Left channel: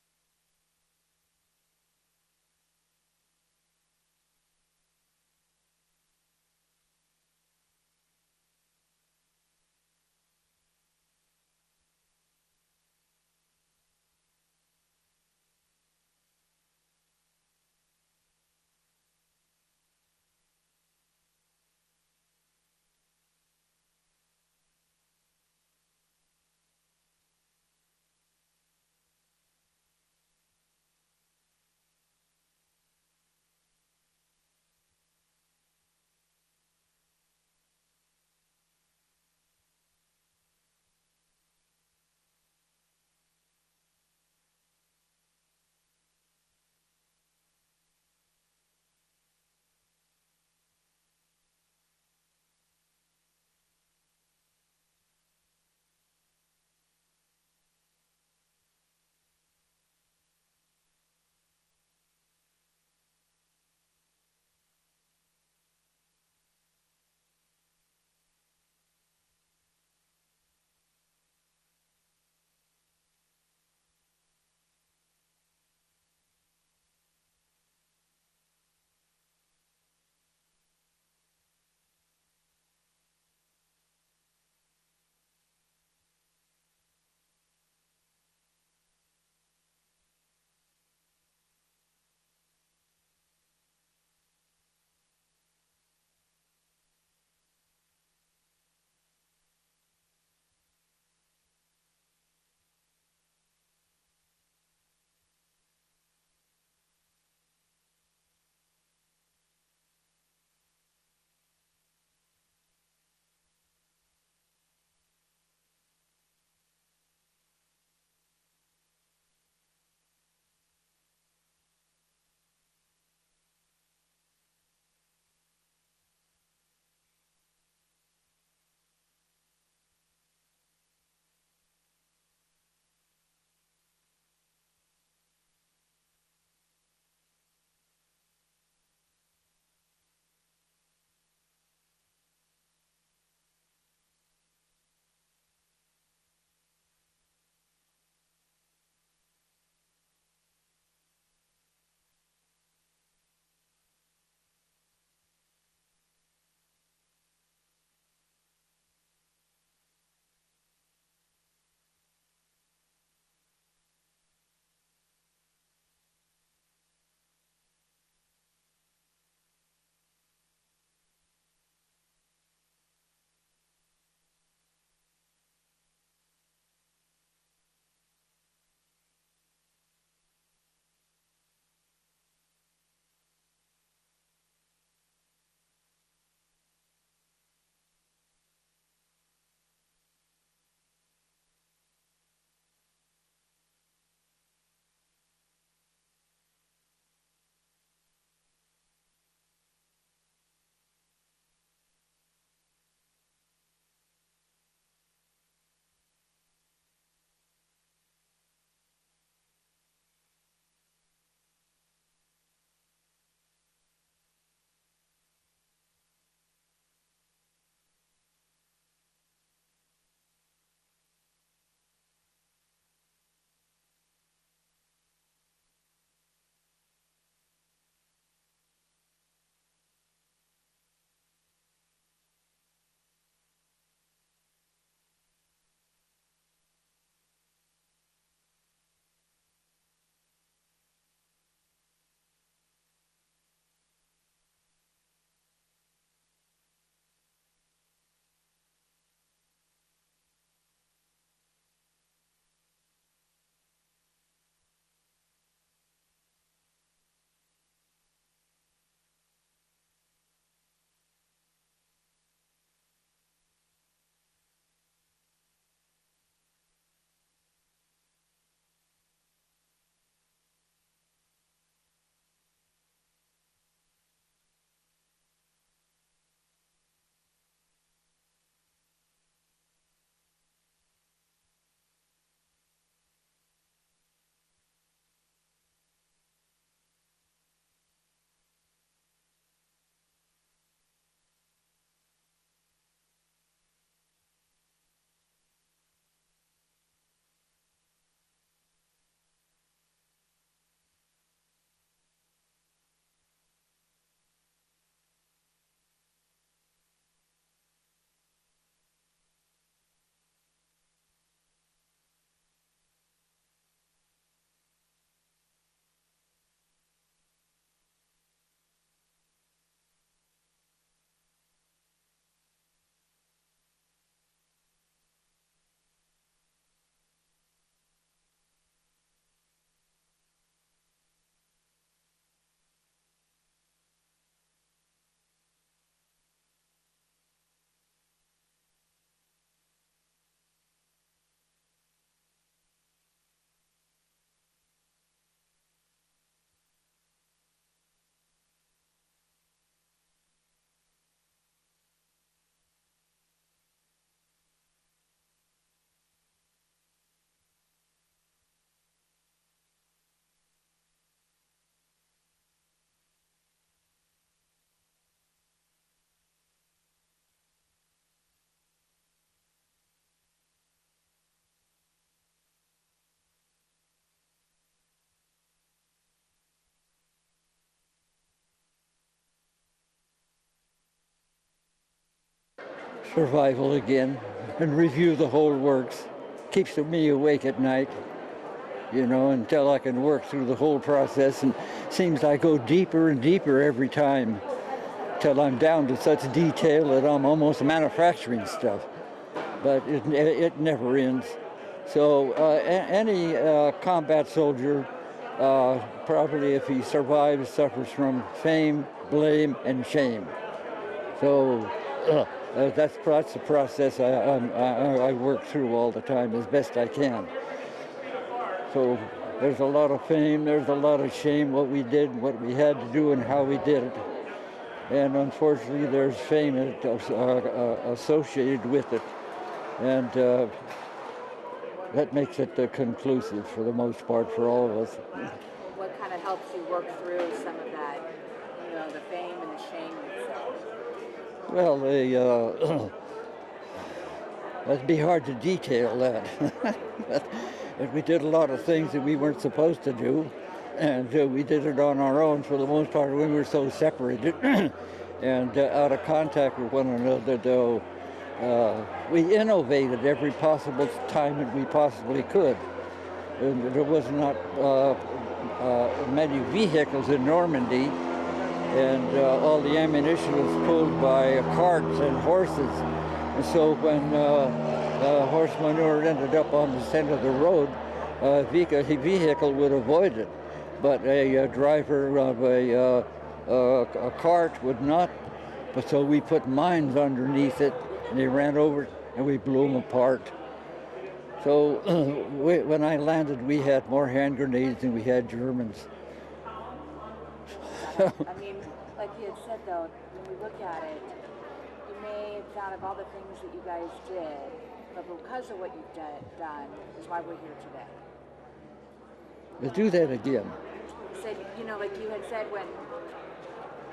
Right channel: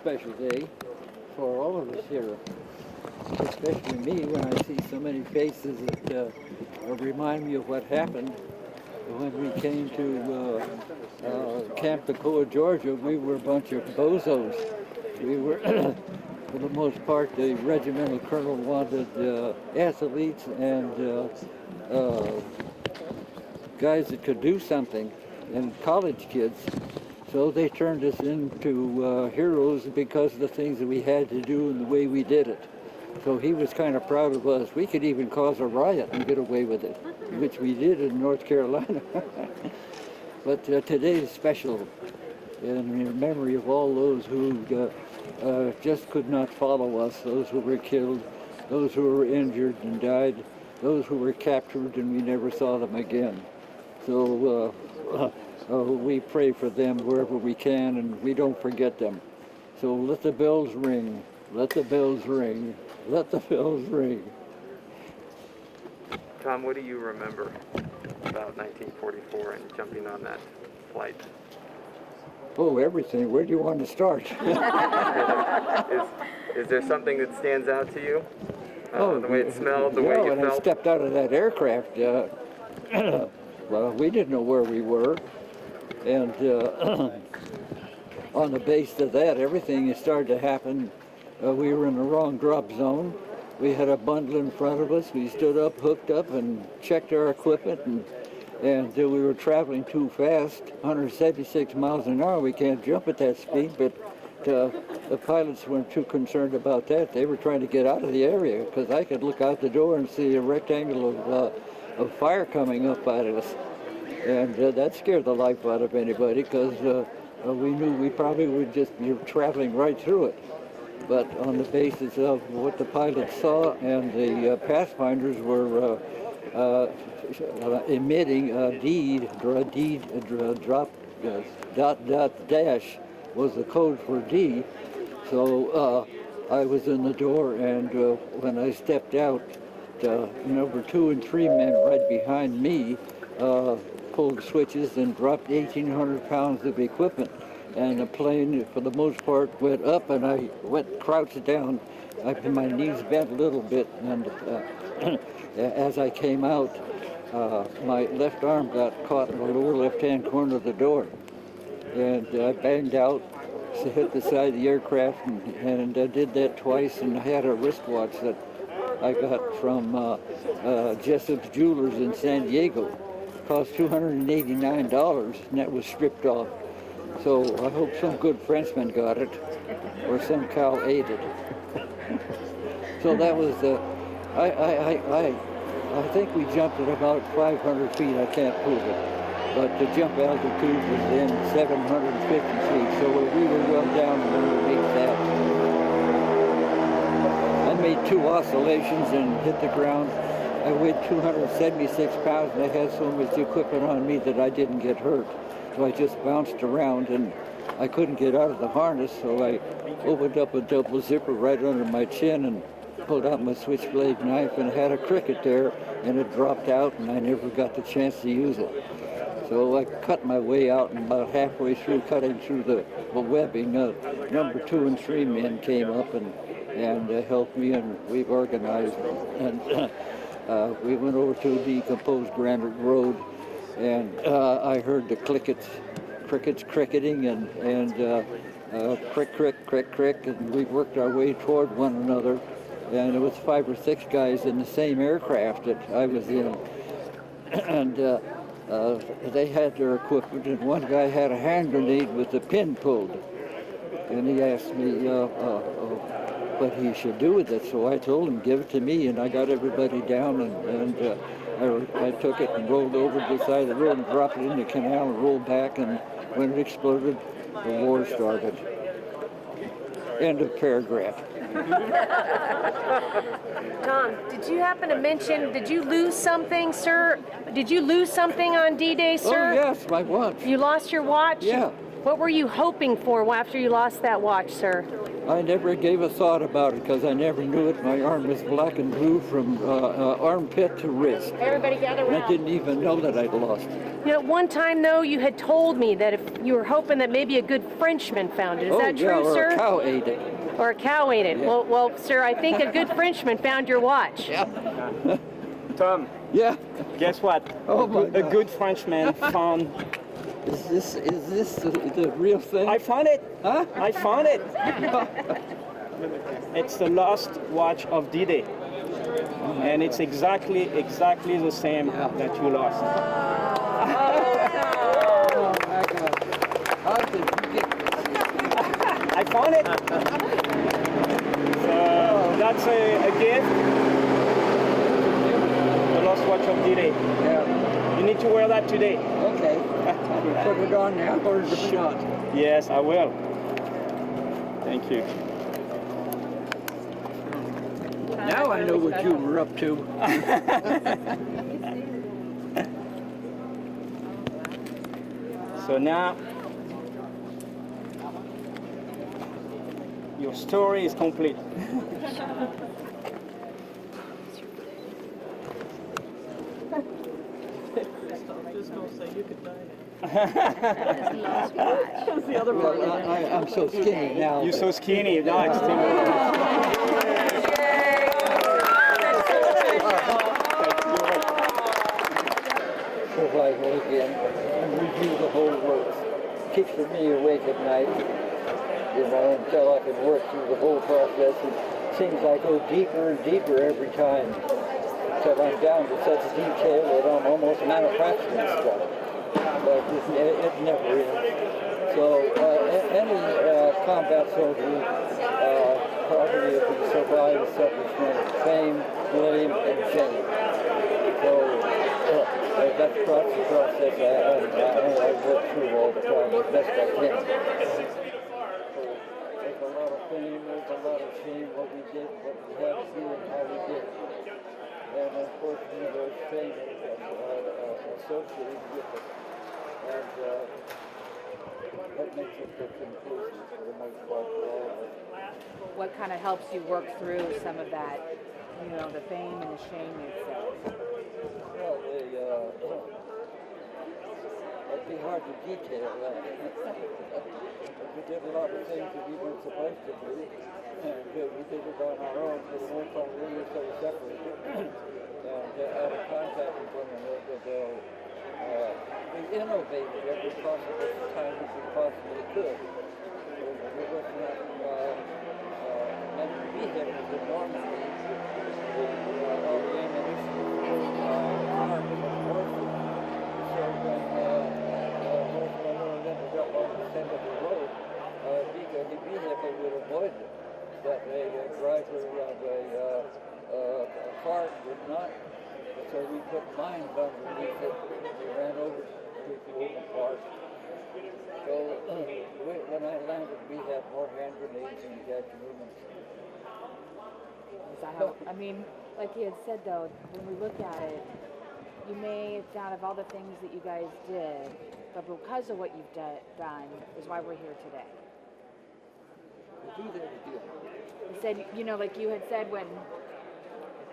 special day for all of us here, especially me when I see so many faces that remind me of what happened when we came to Camp Toccoa, Georgia. We were a bunch of bozos. We were, for the most part, the regimental colonel wanted athletes and guys that could do something, and college kids. So they turned us into heroes because of the things that we had to do and the way we did it. So he was kind of proud of us. We could even cause a riot and get away with it, which we did in North Carolina. But today is special in memory of all those who just could not follow us, those who were killed, those who were injured and died, those who were captured and we never saw them again. So we pray for them wherever we can, and we don't forget them. So let the bells ring, let the bells ring, let the bells ring. Tom, what do you remember about 1944 and jumping on that flight? Oh, everything. Where do you want to start? Is there something that stands out to you? The way it smelled, the way you when felt? I stepped out of that aircraft, well, we didn't know where we were. And on the base of that, everything started to happen. We were in the wrong drop zone. We had a bundle in front of us. We stood up, hooked up, and checked our equipment. And we were traveling too fast, 176 miles an hour. We can't jump at that speed, but the pilots weren't too concerned about that. They were trying to get out of the area because I could look out the door and see a rectangle of fire coming up out of us. And that scared the life out of anybody because we knew we probably would just be traveling right through it. But on the basis of what the pilots saw and the pathfinders were emitting a dot dash was the code for D. So I was in the door, and when I stepped out, number 2 and 3 men right behind me pulled switches and dropped 1,800 pounds of equipment. And the plane, for the most part, went up, and I went crouched down. My knees bent a little bit, and as I came out, my left arm got caught in the lower left-hand corner of the door. And I banged out, hit the side of the aircraft, and I did that twice, and I had a wristwatch that I got from Jessup's Jewelers in San Diego. It cost $289, and that was stripped off. So I hope some good Frenchman got it, or some cow ate it. So that was I think we jumped at about 500 feet. I can't prove it, but the jump altitude was then 750 feet. So we were well down underneath that. I made 2 oscillations and hit the ground. I weighed 276 pounds, and I had so much equipment on me that I didn't get hurt. So I just bounced around, and I couldn't get out of the harness, so I opened up a double zipper right under my chin and pulled out my switchblade knife, and had a cricket there, and it dropped out, and I never got the chance to use it. So I cut my way out, and about halfway through cutting through the webbing, number 2 and 3 men came up and helped me, and we organized, and we went over to a decomposed granite road. And I heard the crickets cricketing and crick, crick, crick, crick, and we worked our way toward one another. And it was 5 or 6 guys in the same aircraft that I was in. And they had their equipment, and one guy had a hand grenade with the pin pulled. And he asked me what he should do with it. So I told him, give it to me, and I got everybody down, and I took it and rolled over to the side of the road and dropped it in the canal and rolled back, and when it exploded, the war started. End of paragraph. Tom, did you happen to mention, did you lose something, sir? Did you lose something on D-Day, sir? Oh, yes, my watch. You lost your watch? Yeah. What were you hoping for after you lost that watch, sir? I never gave a thought about it because I never knew it. My arm was black and blue from armpit to wrist. Everybody gather And I around. didn't even know that I'd lost it. You know, one time, though, you had told me that if you were hoping that maybe a good Frenchman found it. Is that true, or sir? a cow ate it. Or a cow ate it. Yeah. Well, sir, I think a good Frenchman found your watch. Yeah. Tom, Yeah. guess what? Oh my A God. good Frenchman found. Is this the real thing? I found it. Huh? I found it. It's the lost watch of D-Day, and it's exactly the same that you lost. Oh my God. How did you get this? I found it. So that's a gift. The lost watch of D-Day. Yeah. You need to wear that today. Okay. Put it on now or is it not? Yes, I will. Thank you. Now I know what you were up to. So now your story is complete. Well, I'm so skinny now. You're so skinny. No, it's Survival again and review the whole works. Keeps me awake at night, you know, until I can work through the whole process, and seems I go deeper and deeper every time till I'm down to such detail that I'm almost manufacturing stuff. But it never ends. So any combat soldier, probably if he survives, suffers from fame, blame, and shame. So that's the process I work through all the time as best I can. So there's a lot of fame, there's a lot of shame, what we did, what we had to do, and how we did it. And unfortunately, there's fame associated with it. And that makes it conclusive for the most part for all of us. What kind of helps you work through some of that, you know, the fame and the shame, you'd say? Well, that'd be hard to detail that. But we did a lot of things that we weren't supposed to do, and we did it on our own for the most part when we were so separated and out of contact with one another, though. We innovated every possible time that we possibly could. And there was not many vehicles in Normandy, and all the ammunition was pulled by carts and horses. And so when horse manure ended up on the center of the road, a vehicle would avoid it, but a driver of a cart would not. But so we put mines underneath it, and they ran over it, and we blew them apart. So when I landed, we had more hand grenades than we had Germans. I mean, like you had said though, when we look at it, you may have thought of all the things that you guys did, but because of what you've done is why we're here today. Let's do that again. You said, you know, like you had said when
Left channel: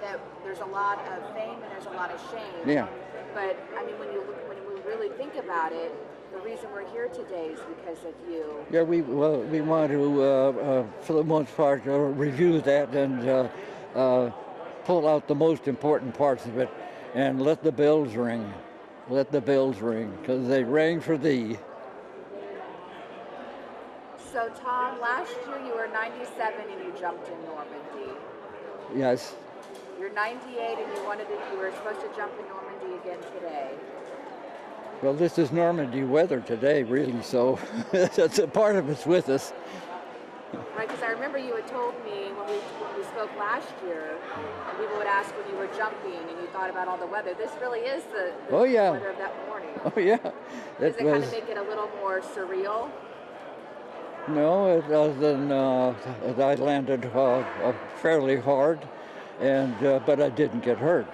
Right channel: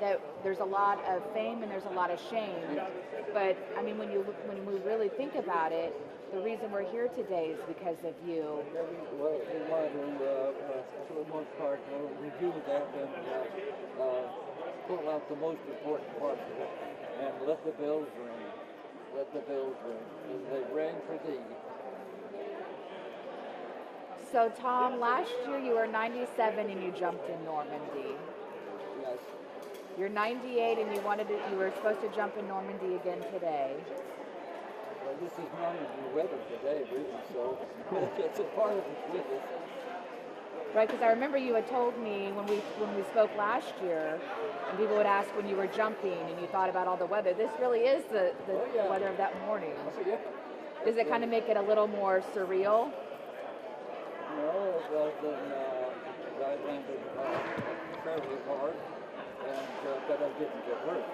that there's a lot of fame and there's a lot of shame. Yeah. But I mean, when we really think about it, the reason we're here today is because of you. Yeah, we want to, for the most part, review that and pull out the most important parts of it and let the bells ring. Let the bells ring, because they rang for thee. So Tom, last year you were 97 and you jumped in Normandy. Yes. You're 98 and you were supposed to jump in Normandy again today. Well, this is Normandy weather today, really, so that's a part of it's with us. Right, because I remember you had told me when we spoke last year, and people would ask when you were jumping and you thought about all the weather. This really is the Oh, yeah. weather of that morning. Oh, yeah. Does it kind of make it a little more surreal? No, it doesn't. I landed fairly hard, and but I didn't get hurt.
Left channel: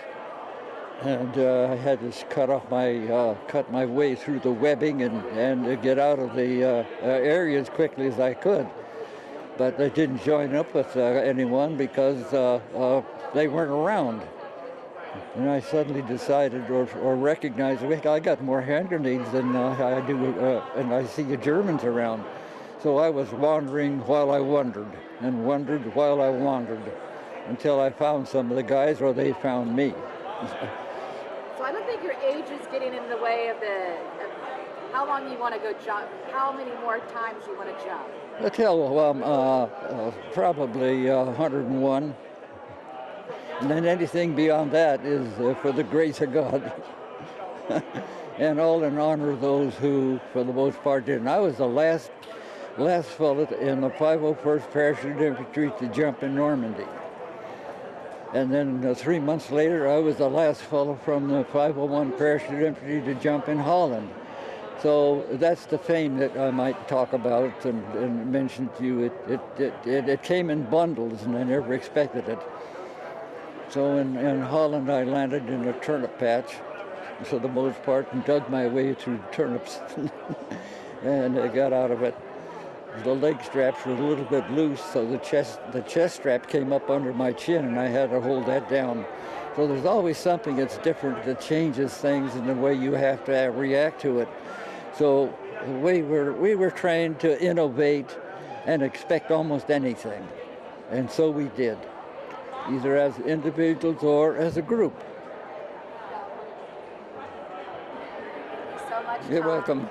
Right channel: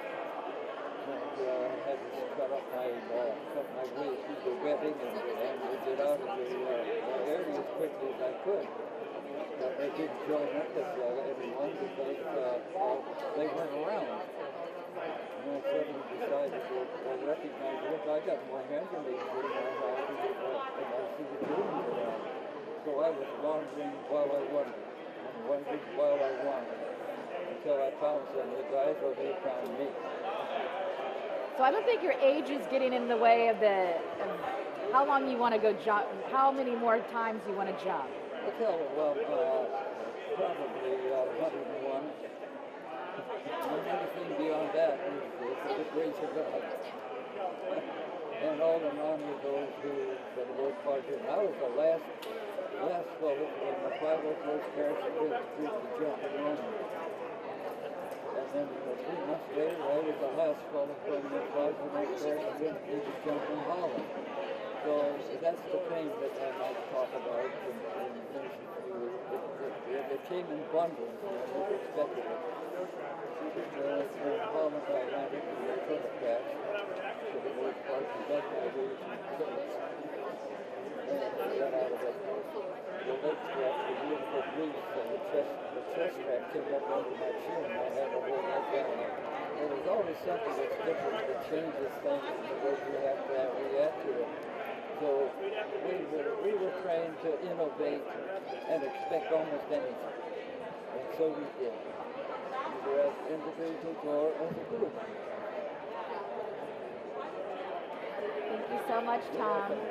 and I had to cut my way through the webbing and get out of the area as quickly as I could. But I didn't join up with anyone because they weren't around. And I suddenly decided or recognized, wait, I got more hand grenades than I do, and I see the Germans around. So I was wandering while I wondered, and wondered while I wandered, until I found some of the guys, or they found me. So I don't think your age is getting in the way of how long you want to go jump, how many more times you want to jump. Probably 101. And then anything beyond that is for the grace of God. And all in honor of those who, for the most part, didn't. I was the last fellow in the 501st Parachute Infantry to jump in Normandy. And then 3 months later, I was the last fellow from the 501 Parachute Infantry to jump in Holland. So that's the fame that I might talk about and mention to you. It came in bundles, and I never expected it. So in Holland, I landed in a turnip patch, for the most part, and dug my way through turnips, and I got out of it. The leg straps were a little bit loose, so the chest strap came up under my chin, and I had to hold that down. So there's always something that's different that changes things in the way you have to react to it. So we were trained to innovate and expect almost anything, and so we did, either as individuals or as a group. Thank you so much, You're Tom. welcome.